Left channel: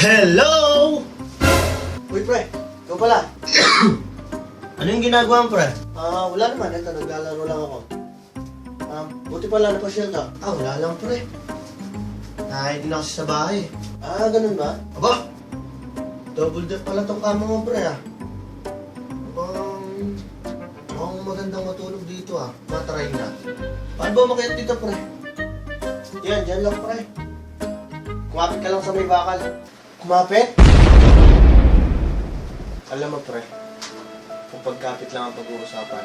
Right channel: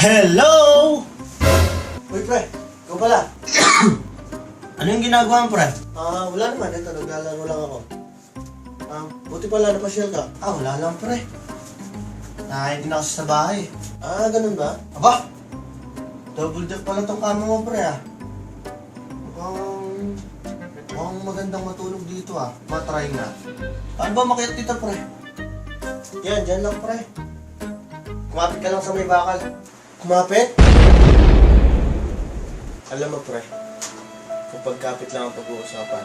Hello! Uy, pre. Ikaw pala. Ano yung ginagawa mo, pre? Wala naman. Ito, naglalaro lang ako. Buti pala napasyal ka. Wala lang, pre. Nakain din ako sa bahay. Ganun ba? Aba! Double deck pala tong kama mo, pre, Mukhang magandang matulog dito, Matry nga. Paano ba makiat dito, pre? Yan, dyan lang, pre. Kumapit ka lang sa may bakal. Kumapit? Alam mo, pre, kung pagkapit lang ang pag-uusapan,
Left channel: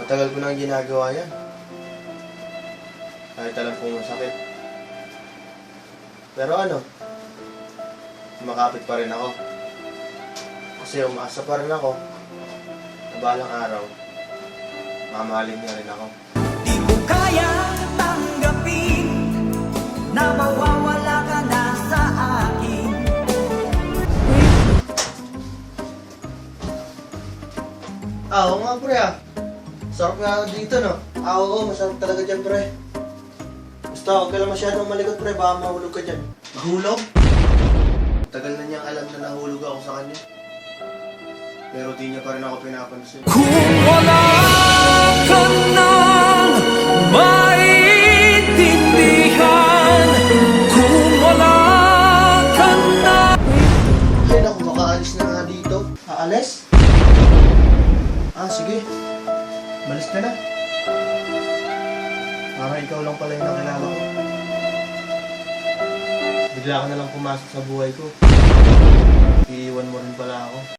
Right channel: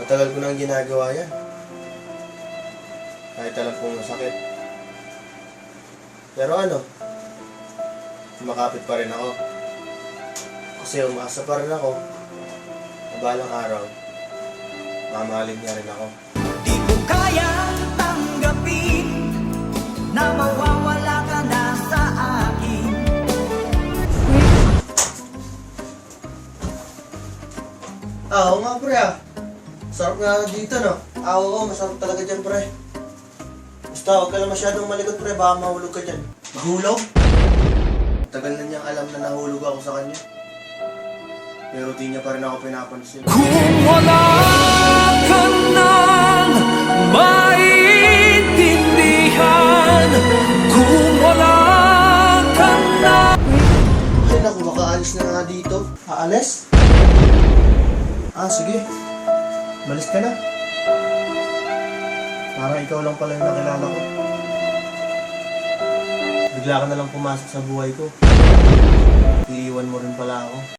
matagal ko nang ginagawa yan. Kahit alam kong masakit. Pero kumakapit pa rin ako. Kasi umaasa pa rin ako na balang araw, mamahalin niya rin ako. Di ko kayang tanggapin na mawawala ka na sa akin. Oo nga, pre, Sarap nga dito, no? Oo, masarap talaga dyan, pre. Basta, huwag ka lang masyadong malikot, pre. Baka mahulog ka dyan. Mahulog? Tagal na niyang alam na nahulog ako sa kanya. Pero di niya pa rin ako pinapansin. Kung wala ka nang maintindihan, kung wala ka na. Ay, naku, makaalis na nga dito. Aalis? Sige. Malis ka na. Parang ikaw lang pala yung nakilala ko. Bigla ka na lang pumasok sa buhay ko. Iiwan mo rin pala ako.